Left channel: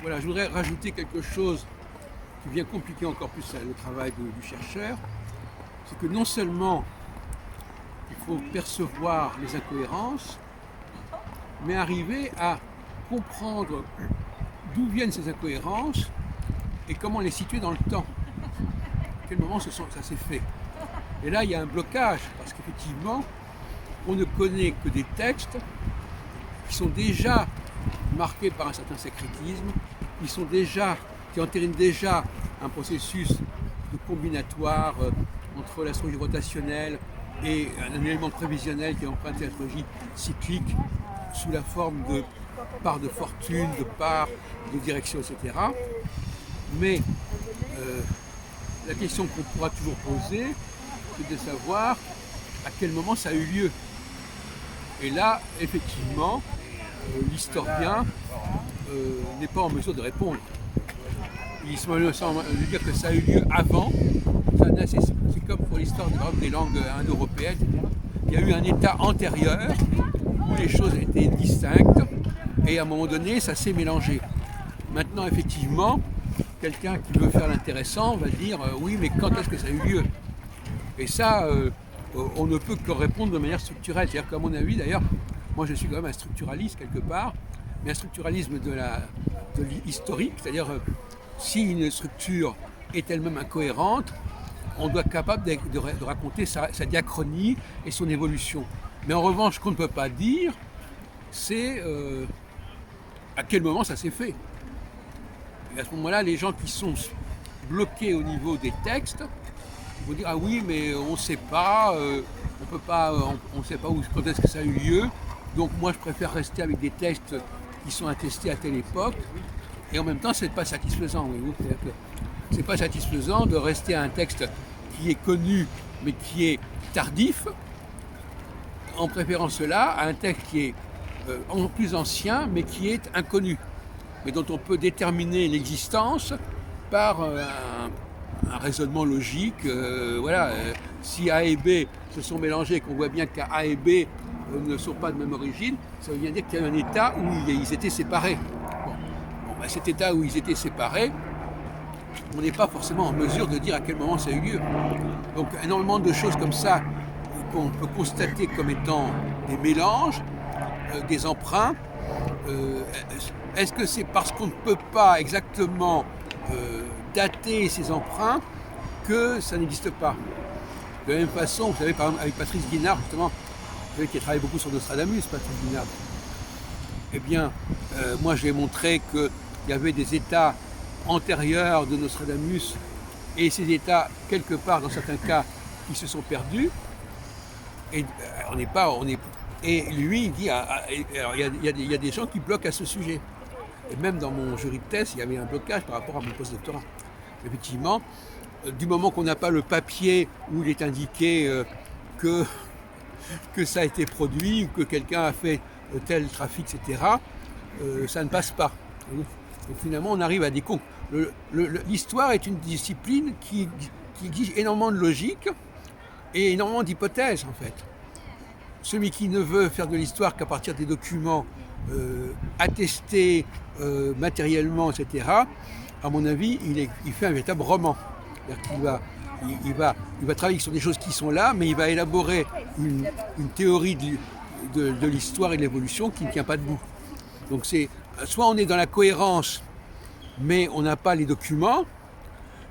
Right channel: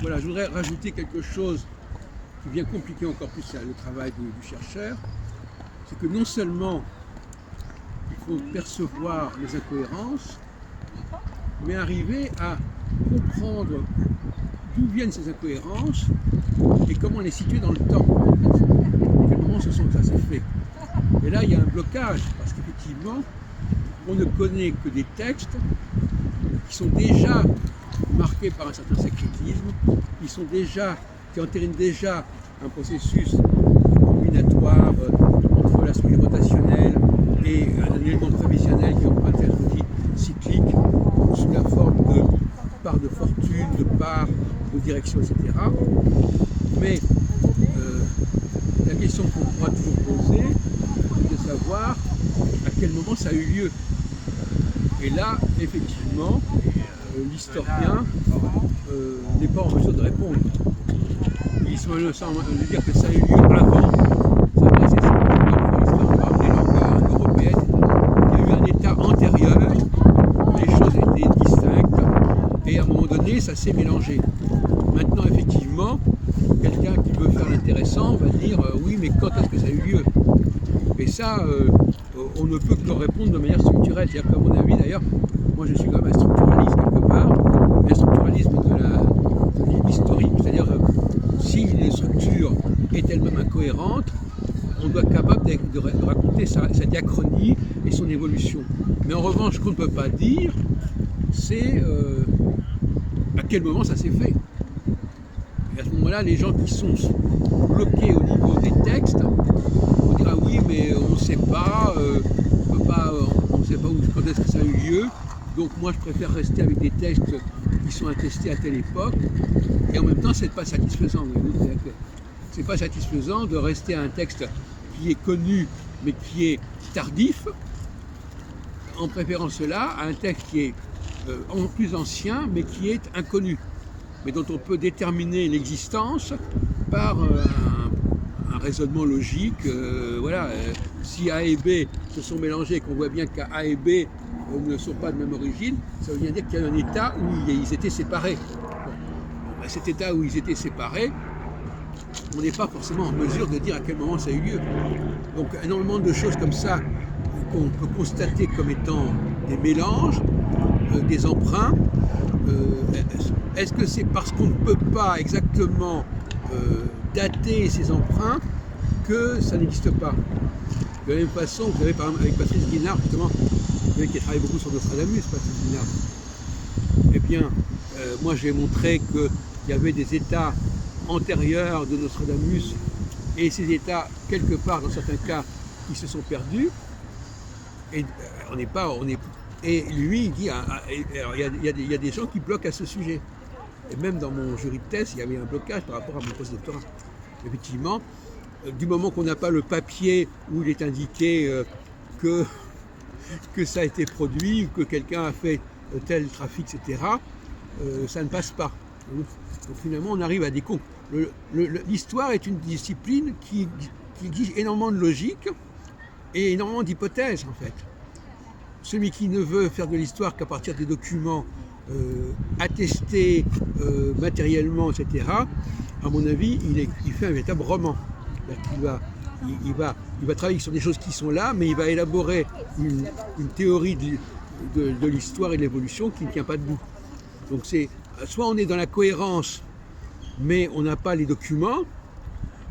Voilà, je voudrais rajouter quelque chose qui vient compliquer encore plus le travail du chercheur. C'est que non seulement il faut percevoir les incohérences, mais arriver à comprendre d'où viennent ces incohérences et comment les situer dans le temps. À quel moment ça s'est fait. Et là, il y a un blocage, parce qu'effectivement, on ne connaît que des textes qui sont déjà marqués par un certain syncrétisme, qui entérinent déjà un processus combinatoire entre la structure rotationnelle et un élément prévisionnel qui emprunte cette logique cyclique sous la forme de part de fortune, de part de direction, etc. Mais la question qu'on pourra toujours poser, c'est de savoir à quel moment ça a eu lieu. Et là, effectivement, l'historien n'est pas en mesure de répondre. Il semble dire que ça a eu lieu avant. Ça veut dire c'est comme pour l'histoire des langues européennes. Il y a eu un état antérieur où les choses étaient distinctes et à un moment donné, ça s'est mélangé. Maintenant, effectivement, quelqu'un qui veut faire l'intéressant va dire oui, mais quand est-ce que ça a eu lieu? Et ça, on ne peut que répondre de manière structurelle. C'est-à-dire qu'à mon avis, d'ailleurs, moi je suis quand même un structuraliste quelque part, mais un structuralisme de l'historique, c'est-à-dire si une structure est elle-même incohérente, on doit être capable de raconter sa diachronie et son évolution. Mais en revanche, ce qu'on ne peut pas dire, c'est à quel moment ça s'est fait. Et à ce moment-là, les gens qui sont bloqués au niveau des textes vont dire ah oui, mais on ne sait pas, on ne sait pas quand est-ce que ça a eu lieu. Donc moi, je préfère rester avec des textes qui sont attestés à telle époque. Et en même temps, c'est pas satisfaisant. C'est pas satisfaisant de rester à un texte qui est connu, mais qui est tardif, en préférant cela à un texte qui est plus ancien, mais qui est inconnu, mais dont on peut déterminer l'existence par un raisonnement logique. Voilà, si A et B se sont mélangés, qu'on voit bien qu'A et B ne sont pas de même origine, ça veut bien dire qu'il y a un état où ils étaient séparés. Bon, ben cet état où ils étaient séparés, on n'est pas forcément en mesure de dire à quel moment ça a eu lieu. Donc énormément de choses comme ça qu'on peut constater comme étant des mélanges, des emprunts. Est-ce que c'est parce qu'on ne peut pas exactement dater ces emprunts que ça n'existe pas? De la même façon, vous savez, par exemple, avec Patrice Guinard, justement, vous savez, qui a travaillé beaucoup sur Nostradamus, Patrice Guinard. Eh bien, moi j'ai montré qu'il y avait des états antérieurs de Nostradamus et ces états, quelque part, dans certains cas, qui se sont perdus. Et et lui, il dit, il y a des gens qui bloquent à ce sujet. Et même dans mon jury de thèse, il y avait un blocage par rapport à mon post-doctorat. Effectivement, du moment qu'on n'a pas le papier où il est indiqué que ça a été produit, ou que quelqu'un a fait tel trafic, etc., ça ne passe pas. Donc finalement, on arrive à des comptes. L'histoire est une discipline qui exige énormément de logique et énormément d'hypothèses, en fait. Celui qui ne veut faire de l'histoire qu'à partir des documents attestés matériellement, etc., à mon avis, il fait un véritable roman. Il va travailler sur des choses qui sont là, mais il va élaborer une théorie de l'histoire et de l'évolution qui ne tient pas debout. Donc soit on est dans la cohérence, mais on n'a pas les documents,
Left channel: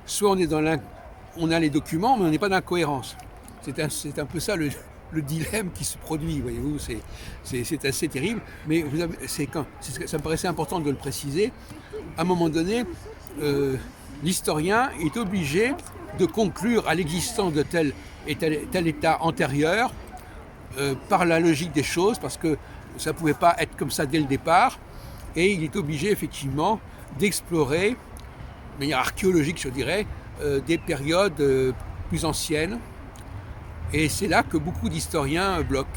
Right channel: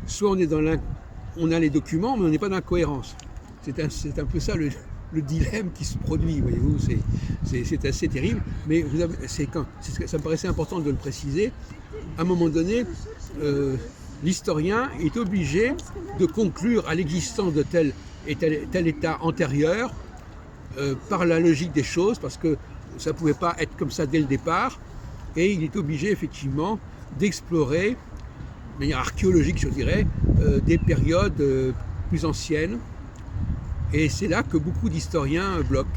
soit on a les documents, mais on n'est pas dans la cohérence. C'est un peu ça le dilemme qui se produit, voyez-vous, c'est assez terrible, mais ça me paraissait important de le préciser. À un moment donné, l'historien est obligé de conclure à l'existence de tel état antérieur par la logique des choses, parce que ça ne pouvait pas être comme ça dès le départ, et il est obligé effectivement d'explorer, de manière archéologique je dirais, des périodes plus anciennes. Et c'est là que beaucoup d'historiens bloquent.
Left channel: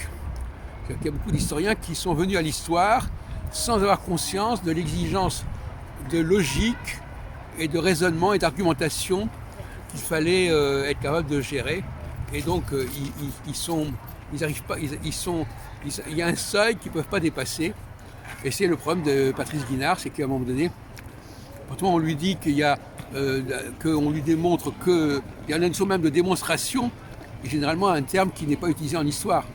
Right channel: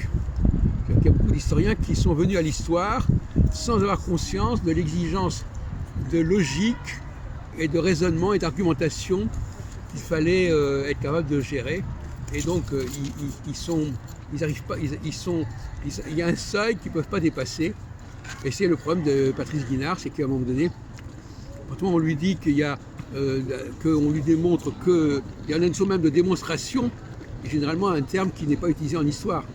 Il y a beaucoup d'historiens qui sont venus à l'histoire sans avoir conscience de l'exigence de logique et de raisonnement et d'argumentation qu'il fallait être capable de gérer. Et donc ils sont ils arrivent pas, il y a un seuil qu'ils ne peuvent pas dépasser. Et c'est le problème de Patrice Guinard, c'est qu'à un moment donné, quand on lui dit qu'on lui démontre qu'il y a une notion même de démonstration, est généralement un terme qui n'est pas utilisé en histoire.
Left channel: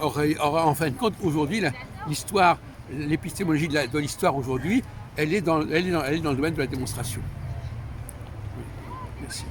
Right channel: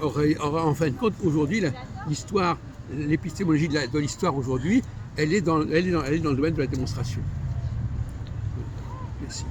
Or en fin de compte, aujourd'hui, l'histoire, l'épistémologie de l'histoire aujourd'hui, elle est dans le domaine de la démonstration. Merci.